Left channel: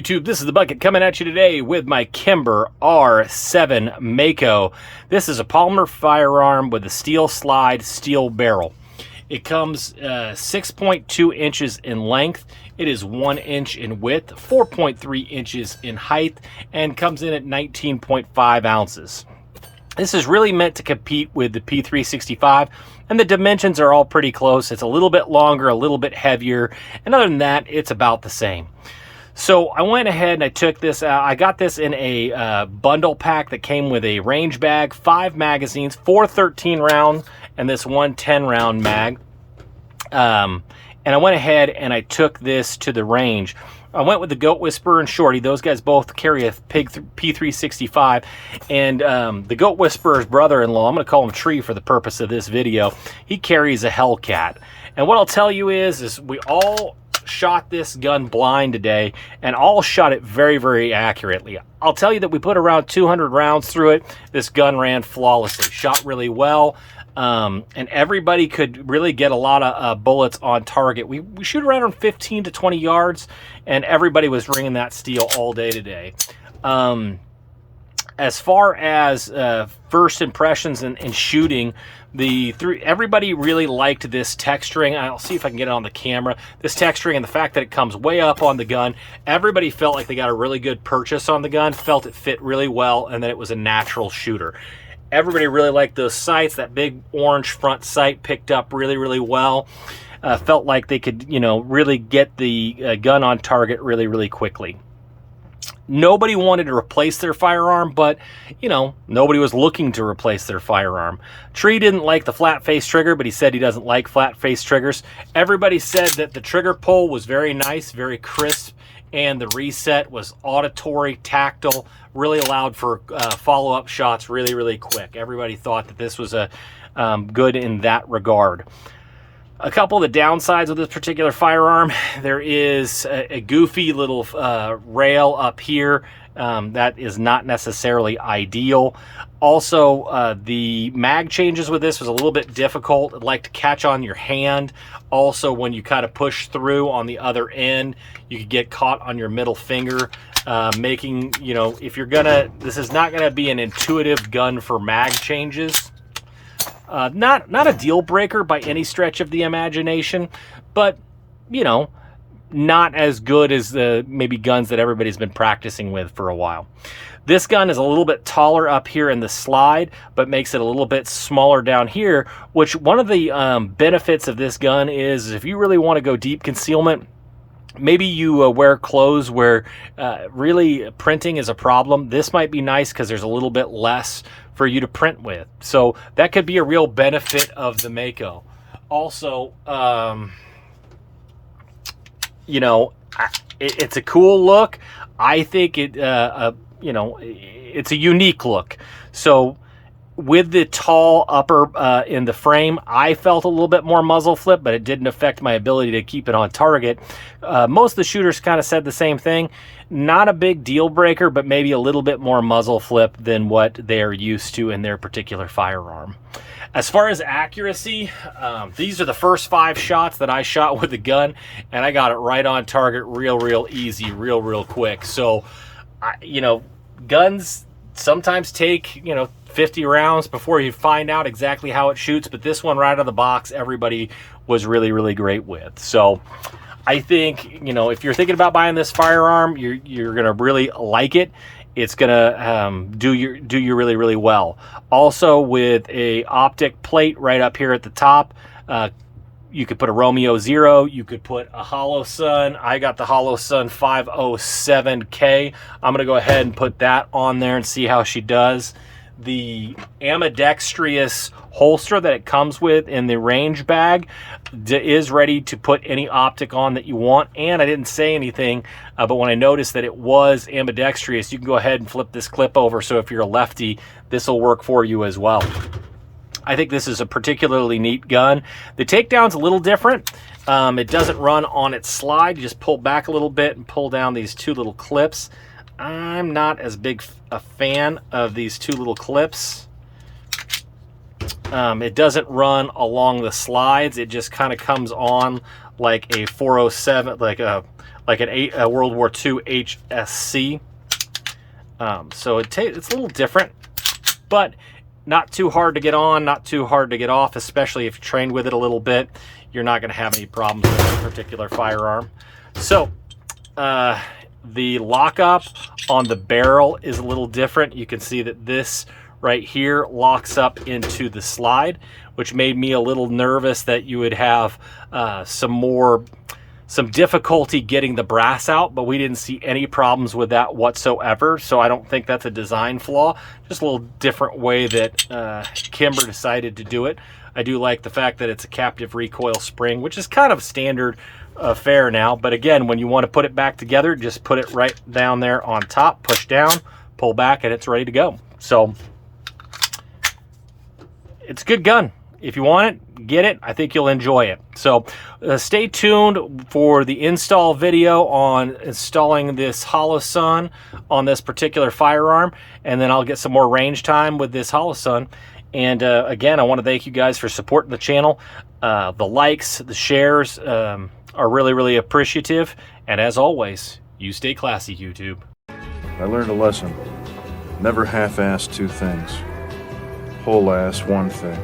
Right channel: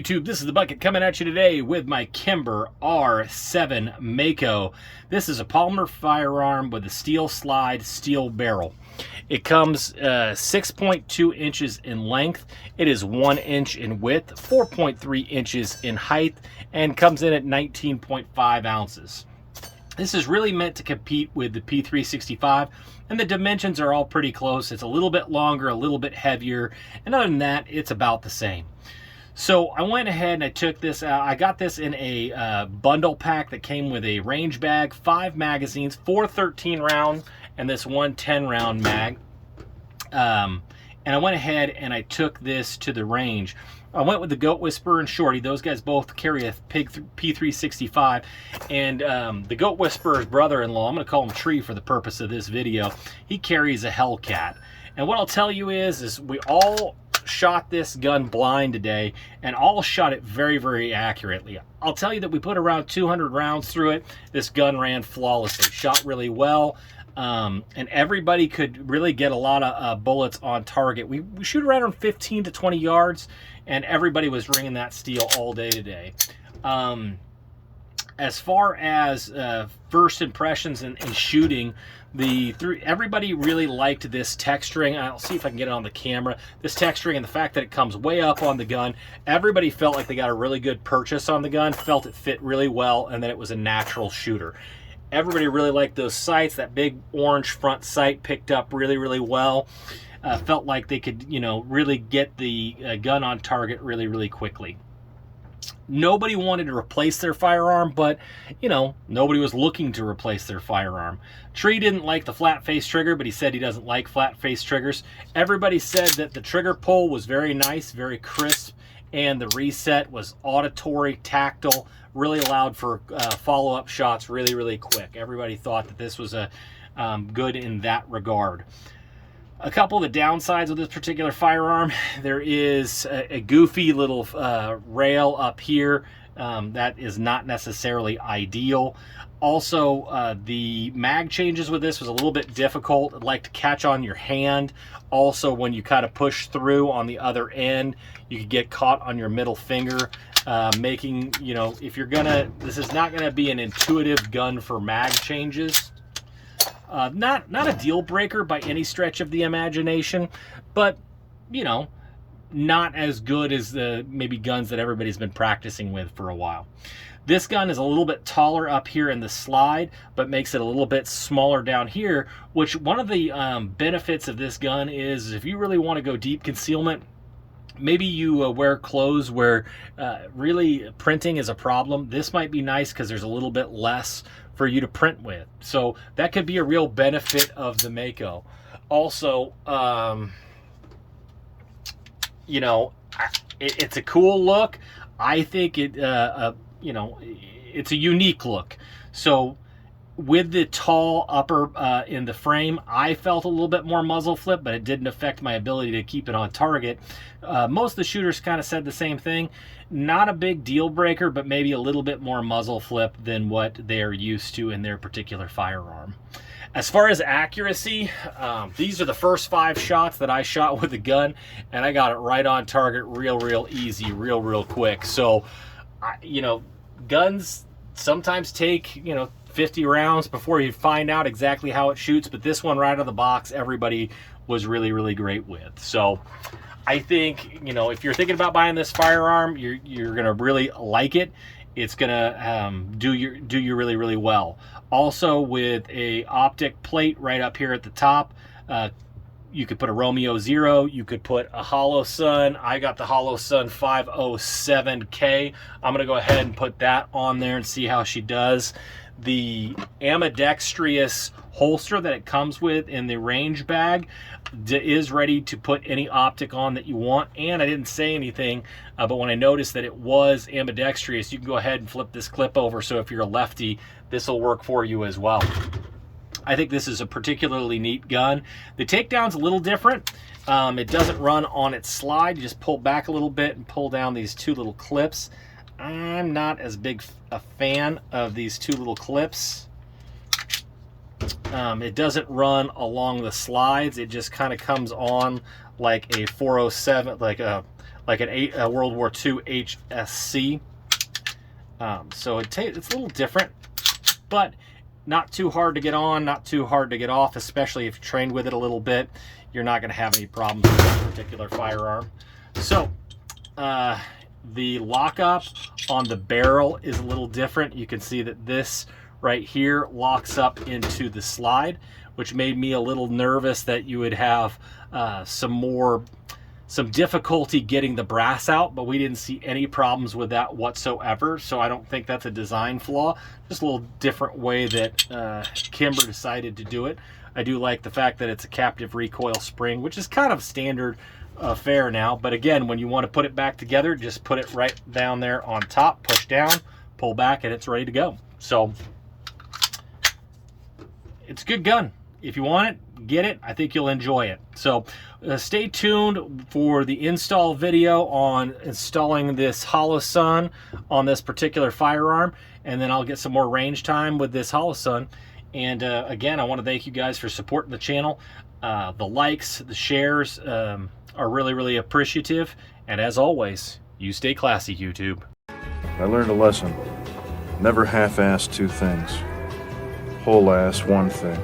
YouTube, this is the Bucket coming at you today with my Kimber R7 Mako. This is a polymer firearm with a steel slide, steel barrel. It comes 6.2 inches in length. It is 1 inch in width, 4.3 inches in height, and comes in at 19.5 ounces. This is really meant to compete with the P365, and the dimensions are all pretty close. It's a little bit longer, a little bit heavier, and other than that, it's about the same. So I went ahead and I took this, I got this in a bundle pack that came with a range bag, 5 magazines, 4 13-round, and this one 10-round mag. And I went ahead and I took this to the range. I went with the Goat Whisperer and Shorty. Those guys both carry a P365. And the Goat Whisperer's brother-in-law, I'm going to call him Tree for the purpose of this video, he carries a Hellcat. And what I'll tell you is we all shot this gun blind today and all shot it very, very accurately. I'll tell you that we put around 200 rounds through it. This gun ran flawlessly, shot really well. And everybody could really get a lot of bullets on target. We shoot around 15 to 20 yards, and everybody was ringing that steel all day today. As far as first impressions and shooting, everybody really liked this texturing. I'll see if I can get it on the camera. This texturing and the fact that it comes way up on the gun. Everybody felt like they got a really good purchase on the gun, felt it fit really well, and that it was a natural shooter. Everybody really liked those sights. That big orange front sight picked up really, really well. Felt like they could, really get the gun on target really, really quickly. Nobody wanted to replace their firearm, but, nobody was looking to replace their firearm. Tree didn't like the flat face trigger, but he said he doesn't like flat face triggers. Everybody said that the trigger pull was very nice, very crisp, and the reset was auditory, tactile, really allowed for follow-up shots really, really quick. Everybody thought that this was good in that regard. A couple of the downsides of this particular firearm, there is a goofy little rail up here that is not necessarily ideal. Also, the mag changes with this was a little bit difficult. It'd like to catch on your hand. Also, when you kind of push through on the other end, you could get caught on your middle finger, making, if you're gonna, this is not gonna be an intuitive gun for mag changes. Not a deal breaker by any stretch of the imagination, but, not as good as the maybe guns that everybody's been practicing with for a while. This gun is a little bit taller up here in the slide, but makes it a little bit smaller down here, which one of the benefits of this gun is if you really want to go deep concealment, maybe you wear clothes where really printing is a problem. This might be nice because there's a little bit less for you to print with. So that could be a real benefit of the Mako. Also, it's a cool look. I think it's a unique look. So with the tall upper in the frame, I felt a little bit more muzzle flip, but it didn't affect my ability to keep it on target. Most of the shooters kind of said the same thing. Not a big deal breaker, but maybe a little bit more muzzle flip than what they're used to in their particular firearm. As far as accuracy, these are the first 5 shots that I shot with the gun, and I got it right on target real easy, real quick. So, guns sometimes take, 50 rounds before you find out exactly how it shoots, but this one right out of the box, everybody was really great with. So I think, if you're thinking about buying this firearm, you're going to really like it. It's going to do you really well. Also, with a optic plate right up here at the top, you could put a Romeo 0, you could put a Holosun. I got the Holosun 507K. I'm going to go ahead and put that on there and see how she does. The ambidextrous holster that it comes with in the range bag is ready to put any optic on that you want. And I didn't say anything, but when I noticed that it was ambidextrous, you can go ahead and flip this clip over. So if you're a lefty, this will work for you as well. I think this is a particularly neat gun. The takedown's a little different. It doesn't run on its slide. You just pull back a little bit and pull down these 2 little clips. I'm not as big a fan of these 2 little clips. It doesn't run along the slides. It just kind of comes on like a 407, like a like a World War II HSC. So it's a little different, but not too hard to get on, not too hard to get off, especially if you trained with it a little bit. You're not going to have any problems with this particular firearm. So the lockup on the barrel is a little different. You can see that this right here locks up into the slide, which made me a little nervous that you would have some difficulty getting the brass out, but we didn't see any problems with that whatsoever. So I don't think that's a design flaw, just a little different way that Kimber decided to do it. I do like the fact that it's a captive recoil spring, which is kind of standard fare now. But again, when you want to put it back together, just put it right down there on top, push down, pull back, and it's ready to go. So it's a good gun. If you want it, get it. I think you'll enjoy it. So stay tuned for the install video on installing this Holosun on this particular firearm, and then I'll get some more range time with this Holosun. And again, I want to thank you guys for supporting the channel. The likes, the shares are really, really appreciative. And as always, you stay classy, YouTube. I learned a lesson. Never half-ass two things. Whole-ass one thing.